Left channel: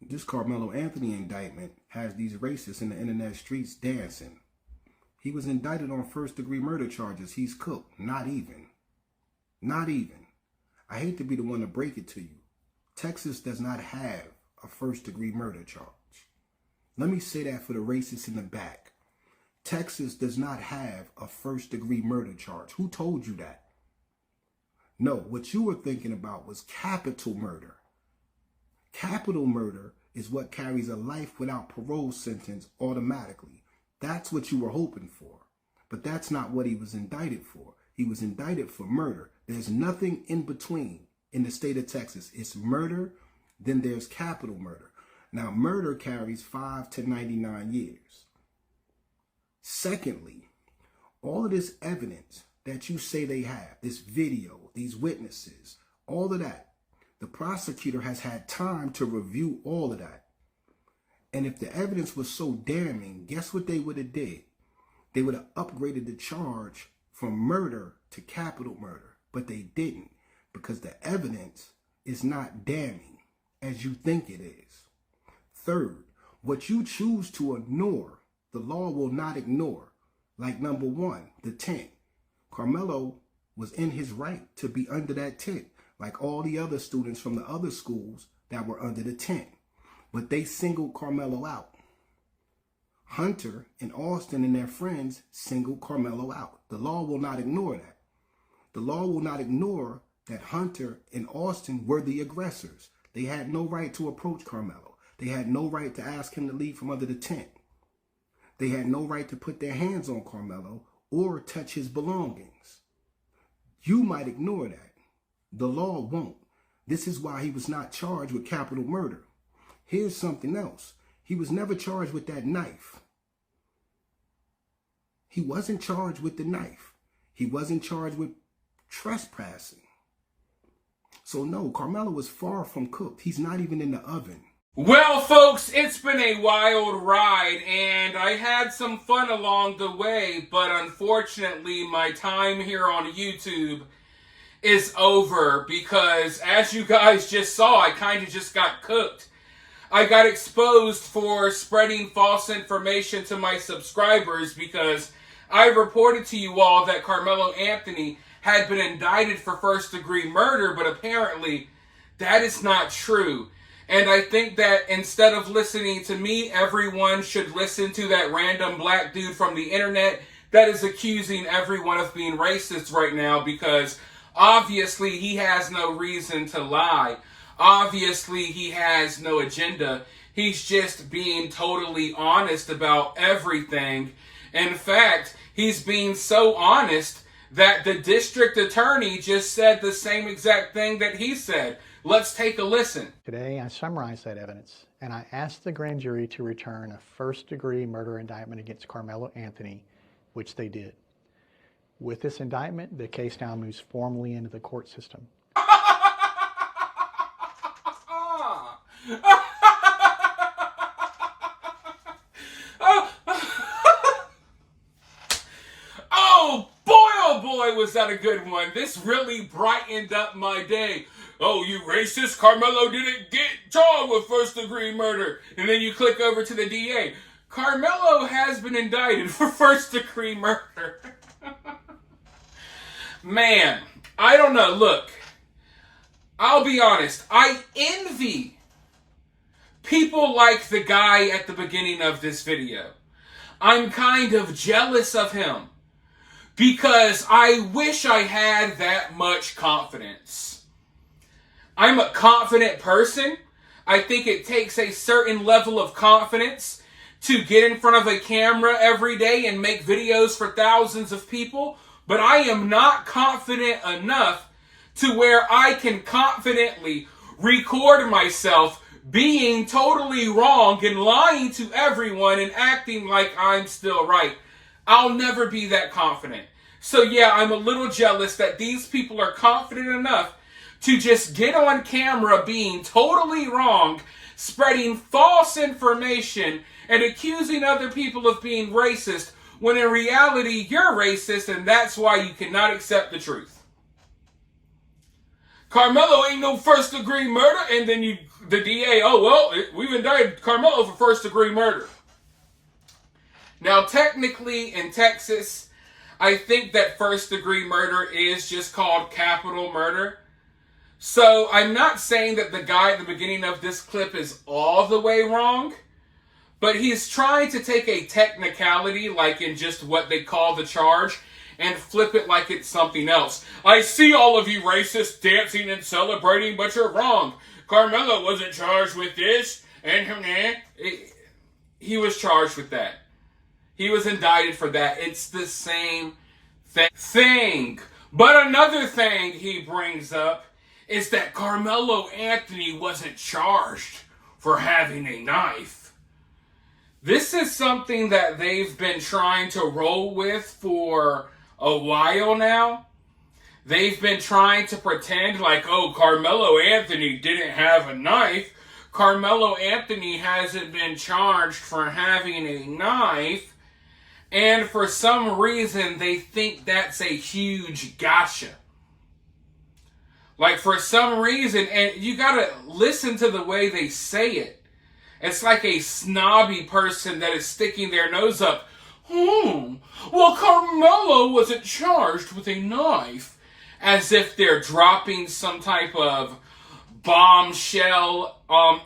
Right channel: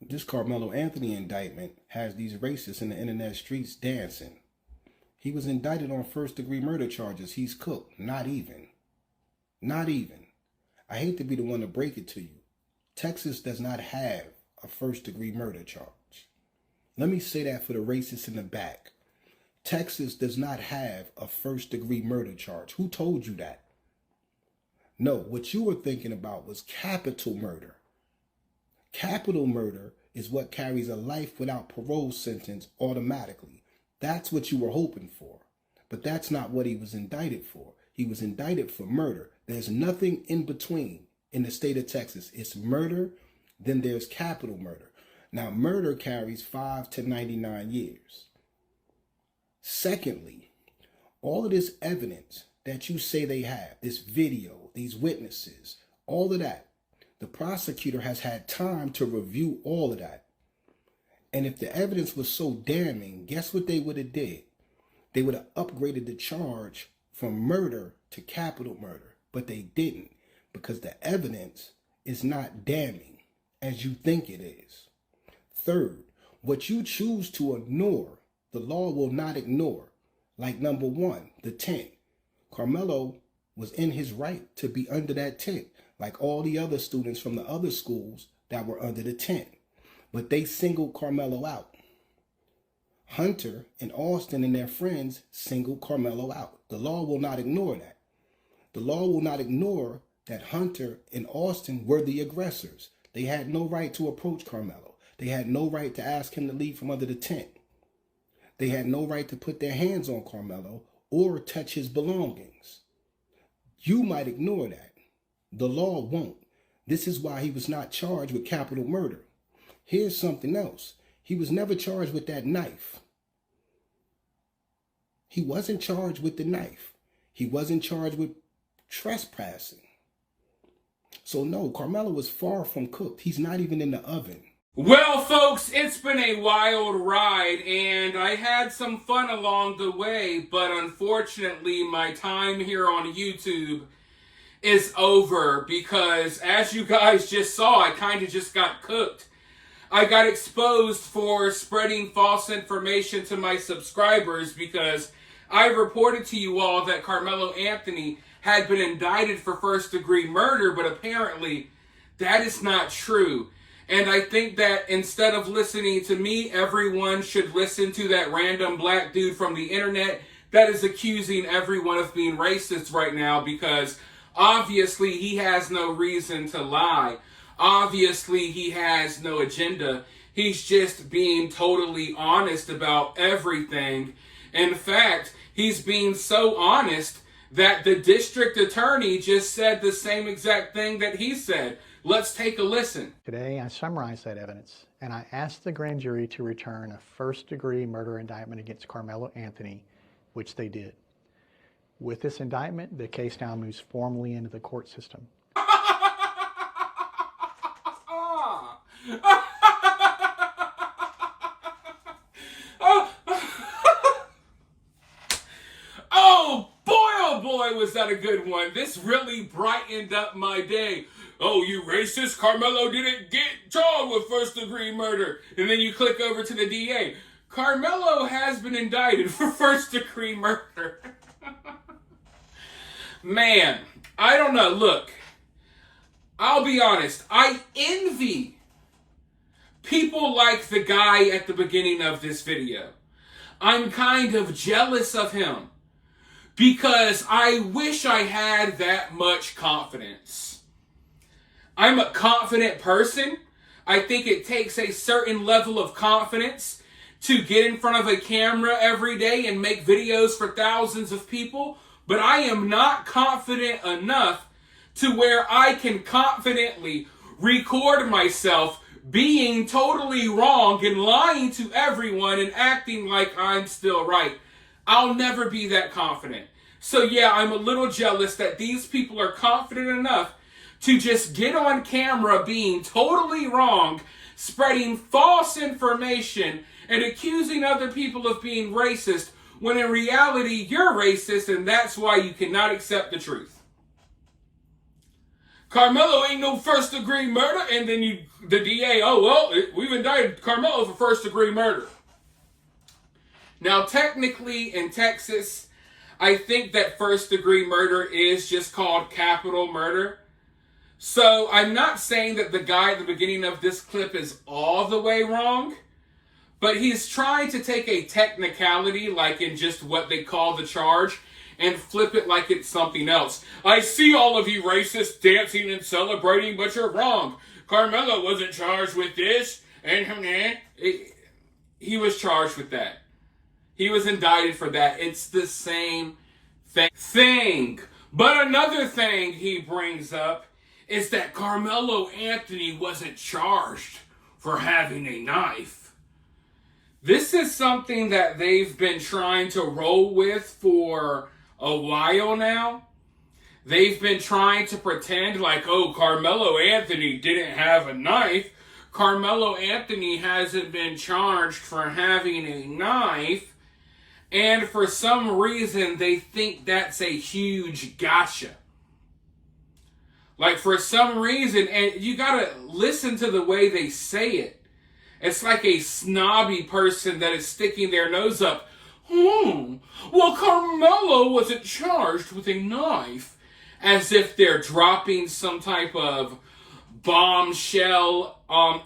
This Karmelo Anthony indictment has these racists in the internet streets dancing. He was indicted on first-degree murder charges. He's cooked. Not even. Not even. I hate to be the one to break it to you. Texas does not have a first-degree murder charge. Let me say that for the racists in the back. Texas does not have a first-degree murder charge. Who told you that? No, what you were thinking about was capital murder. Capital murder is what carries a life without parole sentence automatically. That's what you were hoping for. But that's not what he was indicted for. He was indicted for murder. There's nothing in between in the state of Texas. It's murder, then there's capital murder. Now, murder carries 5 to 99 years. Secondly, all of this evidence that you say they have, this video, these witnesses, all of that, the prosecutor has had time to review all of that. And if the evidence was so damning, guess what they would have did? They would have upgraded the charge from murder to capital murder. But they didn't, because the evidence is not damning as you think it is. Third, what you choose to ignore, the law will not ignore. Like number one, the tent. Karmelo was in his right to be under that tent, like all the other students from the other schools that were under the tent. But they singled Karmelo out. Hunter and Austin and their friends singled Karmelo out. The law will not ignore that. The law will not ignore that Hunter and Austin were the aggressors. They had no right to approach Karmelo. They had no right to ask him to leave from under the tent. They had no right to put their hands on Karmelo or touch his belongings. You might ignore that. The law won't. This is why he was not charged with capital murder. Here's something else. He was never charged with that knife. He wasn't charged with the knife. He wasn't charged with trespassing. So no, Karmelo was far from cooked. He's not even in the oven. Well, folks, it's been a wild ride, and I had some fun along the way, but unfortunately, my time here on YouTube is over because, as you guys just saw, I kind of just got cooked. I got exposed for spreading false information to my subscribers because I reported to you all that Karmelo Anthony had been indicted for first-degree murder, but apparently that is not true. And I think that instead of listening to me, everyone should listen to that random black dude from the internet that is accusing everyone of being racist right now, because obviously he has no reason to lie. Obviously he has no agenda. He's just being totally honest about everything. In fact, he's being so honest that the district attorney just said the same exact thing that he said. Let's take a listen. Today, I summarized that evidence, and I asked the grand jury to return a first-degree murder indictment against Karmelo Anthony, which they did. With this indictment, the case now moves formally into the court system. Oh boy, was that a good one. This really brightened up my day. Oh, you racist, Karmelo didn't get charged with first-degree murder. And then you click over to the DA. Karmelo has been indicted for first-degree murder. Man, I don't know. Look, I'll be honest. I envy people like the guy at the beginning of this video. I'm kind of jealous of him because I wish I had that much confidence. I'm a confident person. I think it takes a certain level of confidence to get in front of a camera every day and make videos for thousands of people. But I am not confident enough to where I can confidently record myself being totally wrong and lying to everyone and acting like I'm still right. I'll never be that confident. So yeah, I'm a little jealous that these people are confident enough to just get on camera being totally wrong, spreading false information, and accusing other people of being racist, when in reality, you're racist, and that's why you cannot accept the truth. Karmelo ain't no first degree murder. And then the DA, oh, well, we've indicted Karmelo for first degree murder. Now, technically in Texas, I think that first degree murder is just called capital murder. So I'm not saying that the guy at the beginning of this clip is all the way wrong, but he's trying to take a technicality, like in just what they call the charge, and flip it like it's something else. I see all of you racists dancing and celebrating, but you're wrong. Karmelo wasn't charged with this, and he was charged with that. He was indicted for that. It's the same thing. But another thing he brings up is that Karmelo Anthony wasn't charged for having a knife. This is something that they've been trying to roll with for a while now. They've been trying to pretend like, oh, Karmelo Anthony didn't have a knife. Karmelo Anthony hasn't been charged for having a knife. And for some reason, they think that's a huge gotcha. Like, for some reason, and you gotta listen to the way they say it. It's like a snobby person that is sticking their nose up. Well, Karmelo wasn't charged with a knife. As if they're dropping some type of bombshell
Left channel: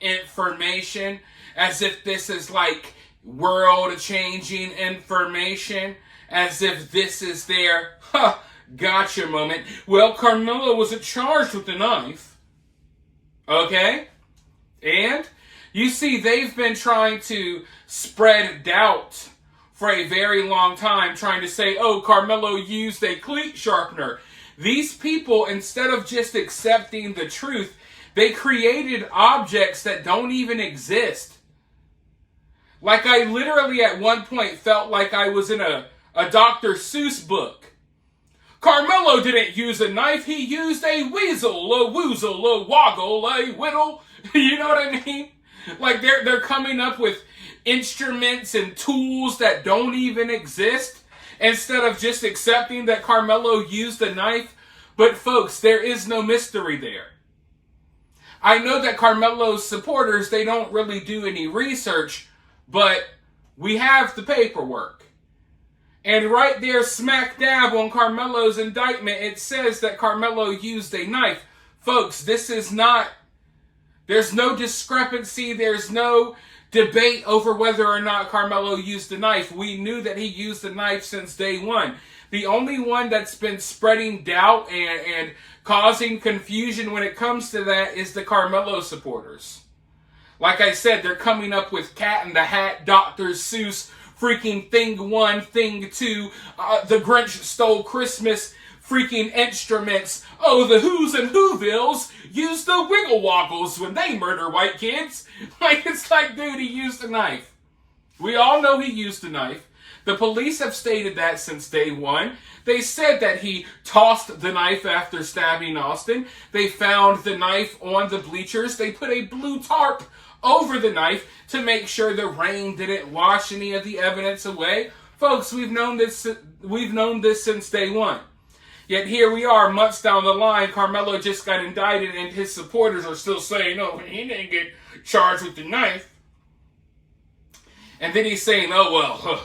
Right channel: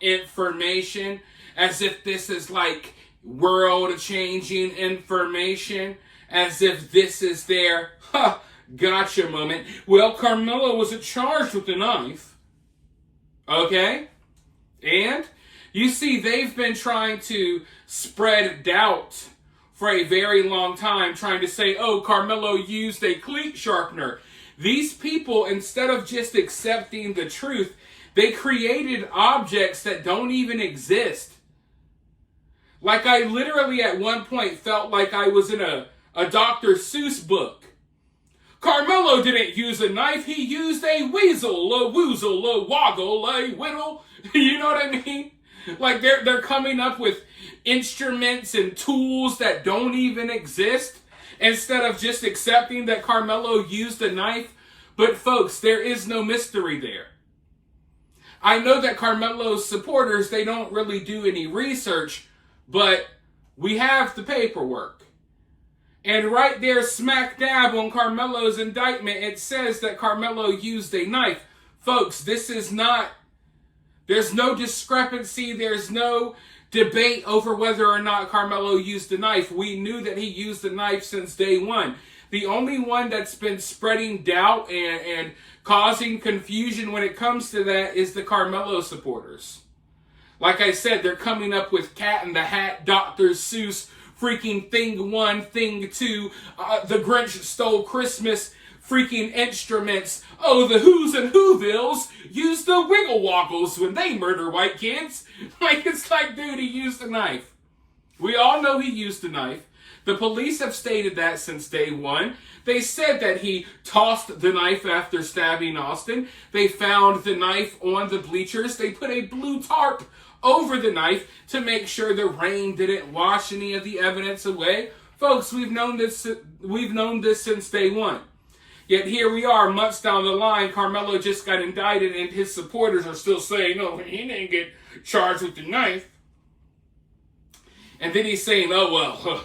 information. As if this is like world-changing information. As if this is their gotcha moment. Well, Karmelo wasn't charged with a knife. Okay? And you see, they've been trying to spread doubt for a very long time, trying to say, oh, Karmelo used a cleat sharpener. These people, instead of just accepting the truth, they created objects that don't even exist. Like, I literally at one point felt like I was in a Dr. Seuss book. Karmelo didn't use a knife, he used a weasel, a woozle, a woggle, a whittle. You know what I mean? Like, they're coming up with instruments and tools that don't even exist, instead of just accepting that Karmelo used a knife. But folks, there is no mystery there. I know that Karmelo's supporters, they don't really do any research, but we have the paperwork. And right there, smack dab on Karmelo's indictment, it says that Karmelo used a knife. Folks, this is not, there's no discrepancy, there's no debate over whether or not Karmelo used a knife. We knew that he used a knife since day one. The only one that's been spreading doubt and causing confusion when it comes to that is the Karmelo supporters. Like I said, they're coming up with Cat in the Hat, Dr. Seuss, freaking Thing 1, Thing 2, The Grinch Stole Christmas, freaking instruments. Oh, the Who's and Whovilles use the wiggle woggles when they murder white kids. Like, it's like, dude, he used a knife. We all know he used a knife. The police have stated that since day one. They said that he tossed the knife after stabbing Austin. They found the knife on the bleachers. They put a blue tarp over the knife to make sure the rain didn't wash any of the evidence away. Folks, we've known this since day one. Yet here we are, months down the line, Karmelo just got indicted and his supporters are still saying, no, he didn't get charged with the knife. And then he's saying, oh, well,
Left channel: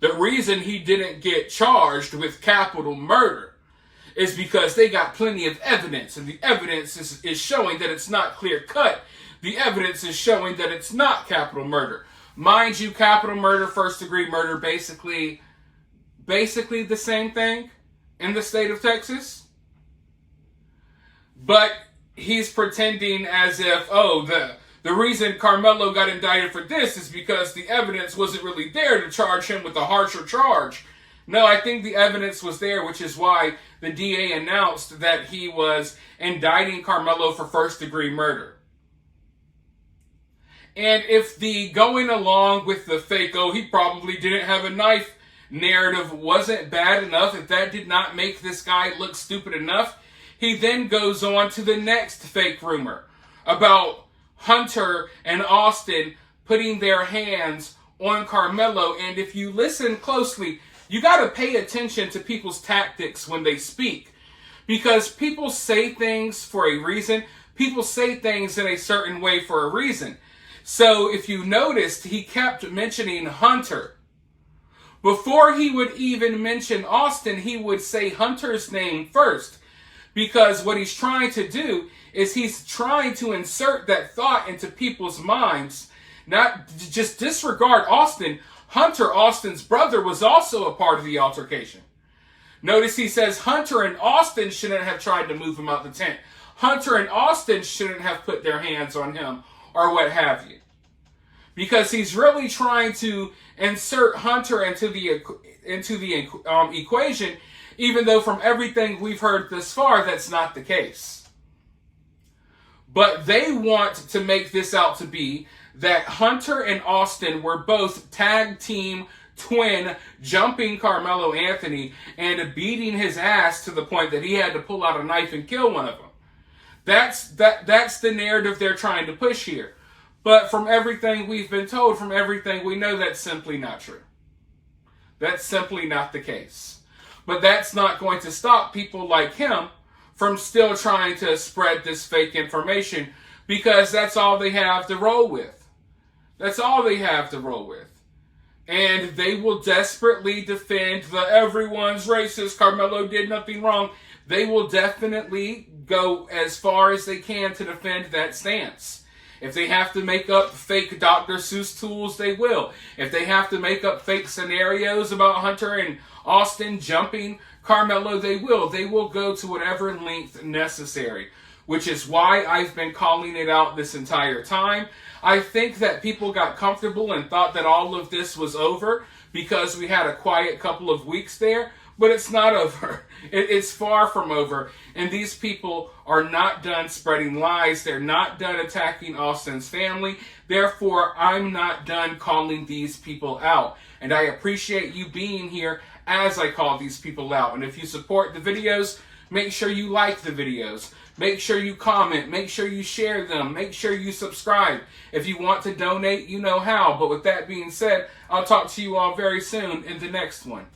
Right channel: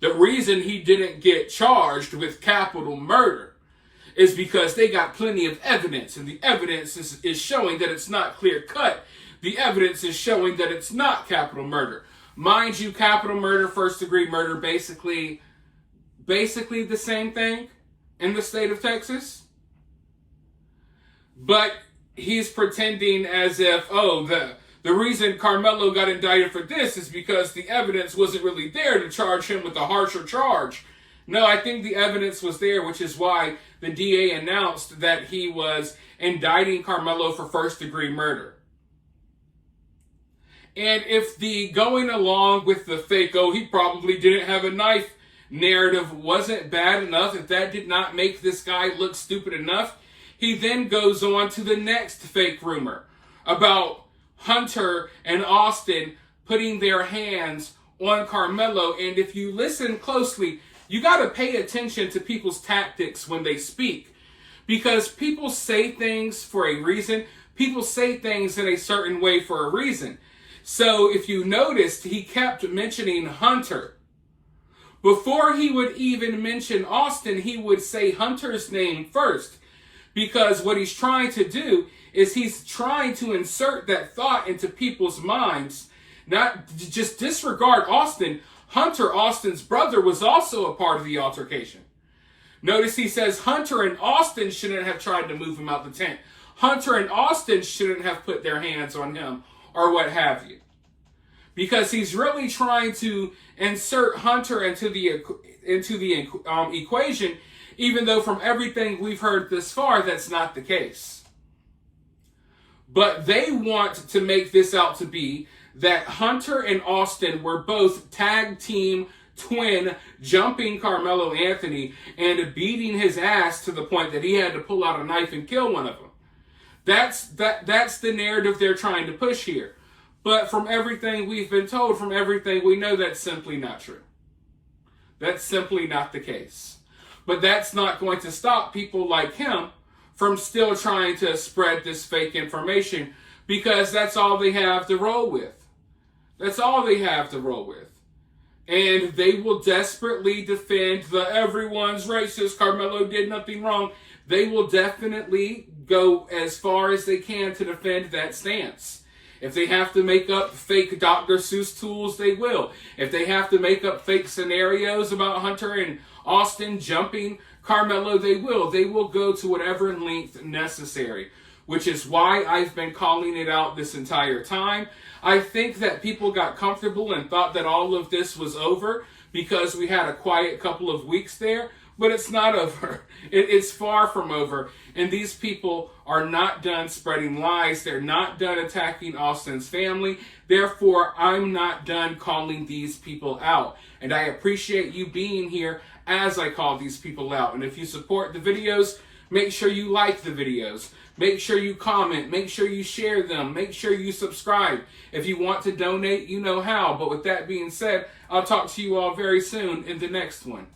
the reason he didn't get charged with capital murder is because they got plenty of evidence, and the evidence is showing that it's not clear-cut. The evidence is showing that it's not capital murder. Mind you, capital murder, first-degree murder, basically the same thing in the state of Texas. But he's pretending as if, oh, the reason Karmelo got indicted for this is because the evidence wasn't really there to charge him with a harsher charge. No, I think the evidence was there, which is why the DA announced that he was indicting Karmelo for first-degree murder. And if the going along with the fake, oh, he probably didn't have a knife narrative wasn't bad enough, if that did not make this guy look stupid enough, he then goes on to the next fake rumor about Hunter and Austin putting their hands on Karmelo. And if you listen closely, you got to pay attention to people's tactics when they speak. Because people say things for a reason. People say things in a certain way for a reason. So if you noticed, he kept mentioning Hunter. Before he would even mention Austin, he would say Hunter's name first. Because what he's trying to do is he's trying to insert that thought into people's minds. Not just disregard Austin. Hunter, Austin's brother, was also a part of the altercation. Notice he says Hunter and Austin shouldn't have tried to move him out the tent. Hunter and Austin shouldn't have put their hands on him or what have you. Because he's really trying to insert Hunter into the equation, even though from everything we've heard thus far, that's not the case. But they want to make this out to be that Hunter and Austin were both tag team twin jumping Karmelo Anthony and beating his ass to the point that he had to pull out a knife and kill one of them. That's the narrative they're trying to push here. But from everything we've been told, from everything we know, that's simply not true. That's simply not the case. But that's not going to stop people like him from still trying to spread this fake information, because that's all they have to roll with. That's all they have to roll with. And they will desperately defend the everyone's racist, Karmelo did nothing wrong. They will definitely go as far as they can to defend that stance. If they have to make up fake Dr. Seuss tools, they will. If they have to make up fake scenarios about Hunter and Austin jumping Karmelo, they will. They will go to whatever length necessary, which is why I've been calling it out this entire time. I think that people got comfortable and thought that all of this was over because we had a quiet couple of weeks there, but it's not over. It's far from over, and these people are not done spreading lies. They're not done attacking Austin's family. Therefore, I'm not done calling these people out, and I appreciate you being here as I call these people out. And if you support the videos, make sure you like the videos. Make sure you comment. Make sure you share them. Make sure you subscribe. If you want to donate, you know how. But with that being said, I'll talk to you all very soon in the next one.